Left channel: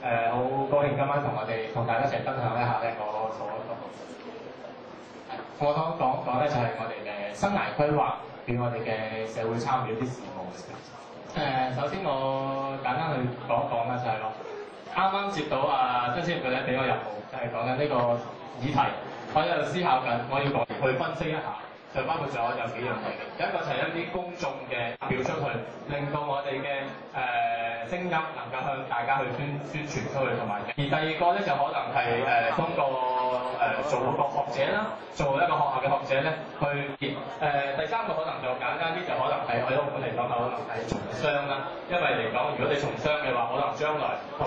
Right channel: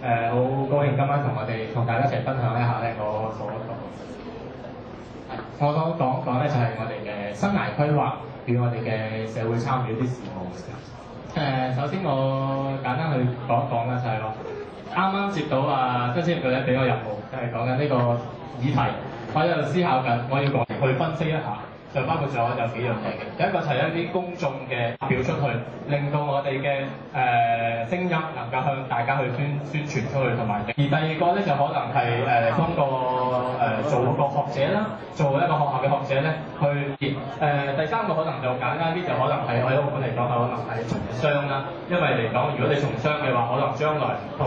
好高興今晚同大家一齊分享一下咧我所講咧就係我哋嘅生涯規劃與我哋嘅社會參與啲事務嘅。首先我簡單去講一講啦，就係話啱啱接到新青業佢咧俾我任務，就係講緊呢個議題，我喺度思考緊，我要講去分析一下。就包括咗有幾樣嘢嘅，第一個就係一啲公眾嘅表出去，令到我哋嘅聲音能夠向大家去宣傳出去，同埋而第二個咧就可能係通過做個學者啦，做一個學校嘅學者咧去第三個可能就簡單啲，就可能係喺澳門嚟講，可能係從商啦，因為嚟講如果你從商嘅話，可能將來同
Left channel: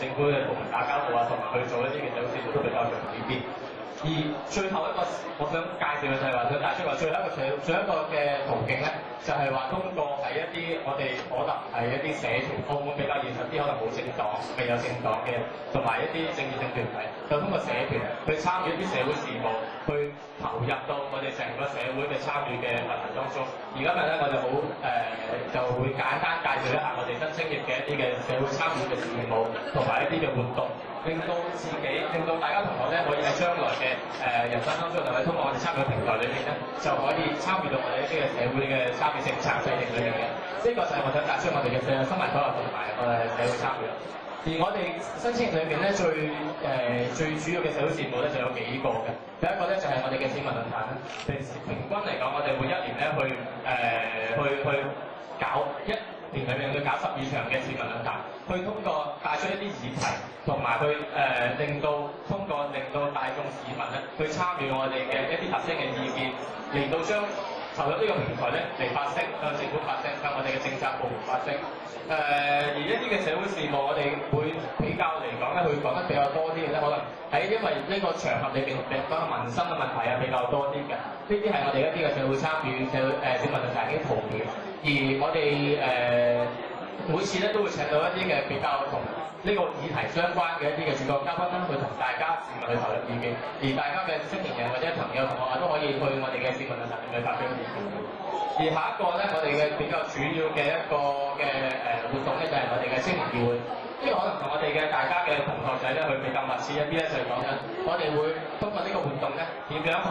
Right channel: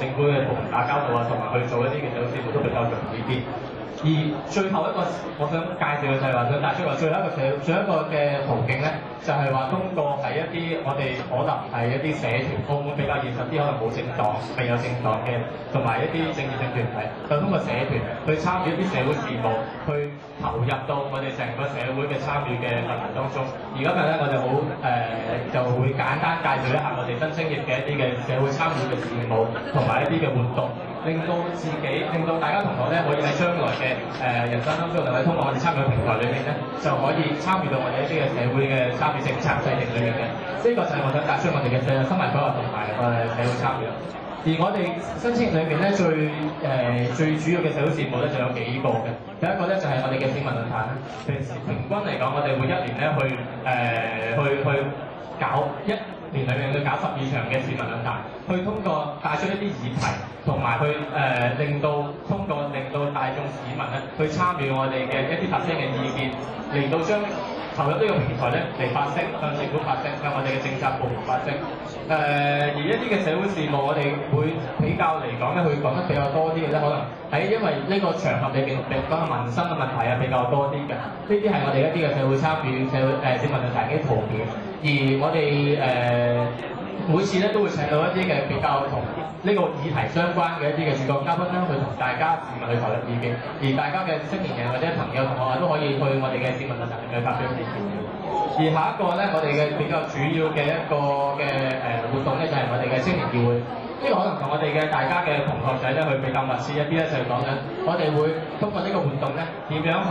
政府嘅部門打交道啊，同埋去做一啲嘅社會事務都比較容易啲。而最後一個我想介紹嘅就係話想帶出話最後一個嘅途徑咧，就係話通過係一啲我哋可能係一啲社團，澳門比較現實啲，可能冇政黨、未有政黨嘅，同埋一啲政治性團體，就通過社團去參與一啲社會事務，去投入到我哋成個社會嘅參與嘅範圍當中。而今日咧，我就就會簡單介紹一下我哋新青業嘅一啲嘅社會參與嘅事務，同埋一啲嘅活動。令到大家同學咧可以喺將來嘅人生當中，就可以通過我哋參與嘅平台裏面咧，就可以參與到我哋一啲嘅社會嘅參與政策制定裏面嘅。呢個就係我想帶出我哋嘅生涯規劃同埋社會參與。而我哋新青業裏面咧最主要嘅社會事務咧就有幾個嘅。第一個咧就係我哋嘅市民論壇啦。平均嚟講，我哋每一年咧去搞一年裏面去搞12場嘅市民論壇，去通過帶出一啲議題，同埋去令到大眾市民咧去參與我哋嘅一啲發聲嘅意見，嚟到將投入呢個平台咧嚟發聲，向政府發聲，向我哋嘅政策部門發聲。而一啲嘅社會事務，我哋會比較嚟講咧，去講得比較多啲嘅咧，可能喺因為呢個場合裏邊講嘅民生嘅問題係比較多啲嘅。呢啲係我哋一啲嘅社會參與、市民論壇嘅圖片。而我哋每次咧都會請到一啲嘅比較同呢個議題相關嘅一啲嘅主講嘉賓啦，去同大家市民去投入意見。而大家嘅青年人或者朋友同學都可以去我哋嘅市民論壇裏面發表意見。而下一個咧，我哋嘅比較主要嘅一個嘅活動咧，就係我哋嘅青年議會。呢個可能同我哋嘅大家嘅同學仔咧，去比較密切一啲咧，就係講緊我哋會通過呢個活動咧，點樣去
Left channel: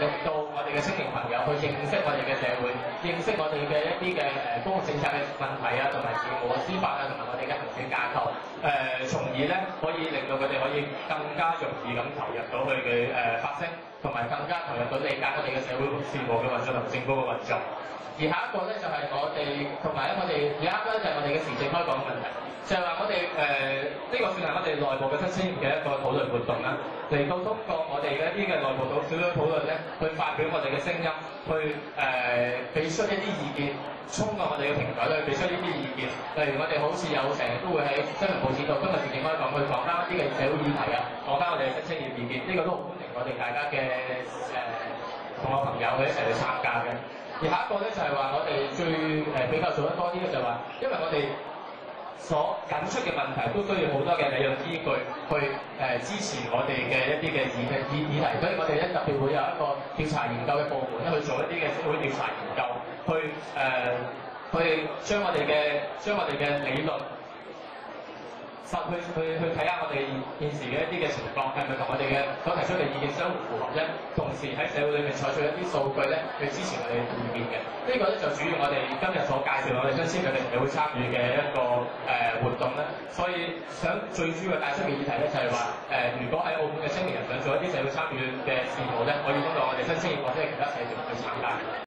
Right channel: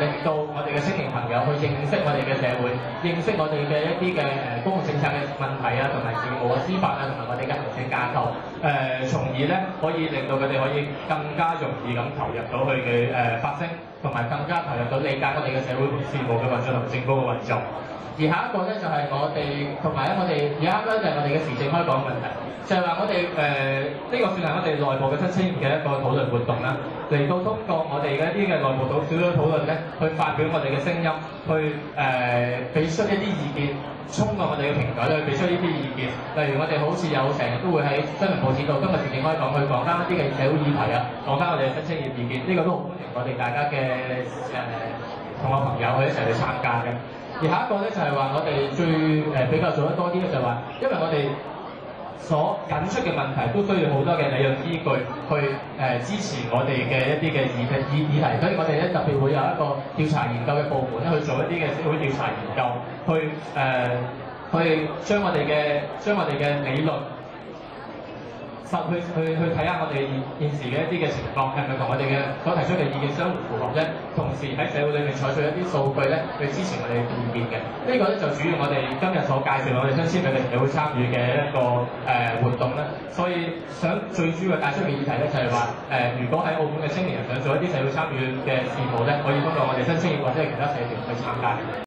令到我哋嘅青年朋友去認識我哋嘅社會，認識我哋嘅一啲嘅公共政策嘅問題啊，同埋事務啊、司法啊，同埋我哋嘅行政架構，從而咧可以令到佢哋可以更加容易咁投入到去嘅發聲，同埋更加投入到理解我哋嘅社會事務嘅運作同政府嘅運作。而下一個咧就係我哋同埋咧，我哋而家咧就係我哋嘅時政開講嘅問題，就係話我哋呢個算係我哋內部嘅新青年嘅一個討論活動啦，嚟到通過我哋嘅一啲嘅內部小組討論咧，去發表我哋嘅聲音，去俾出一啲意見，通過我哋嘅平台咧去俾出呢啲意見。例如我哋好似有成日都會喺新聞報紙度，今日時政開講去講翻一啲嘅社會議題啊，講翻我哋嘅新青年意見，呢個都好歡迎我哋大家嘅同學朋友去一齊去參加嘅。而下一個咧就係話我哋最比較做得多啲咧，就係話因為我哋所引出嘅問題都需要好多嘅理論依據去支持我哋嘅一啲嘅議題，所以我哋咧特別會有一個調查研究嘅部門咧去做一啲嘅社會調查研究，去將我哋嘅理論去睇下我哋現時嘅一啲嘅情況係咪同我哋嘅所提出嘅意見相互符合啫？同時喺社會裏面採取一啲數據咧去支持我哋嘅意見嘅。呢個咧就主要我哋今日所介紹我哋新青年嘅社會參與嘅一個活動啦。所以最主要帶出嘅議題咧就係話如果喺澳門嘅青年人想做一啲社會參與嘅事務咧，可以通過我哋新青年或者係其他社團去參加。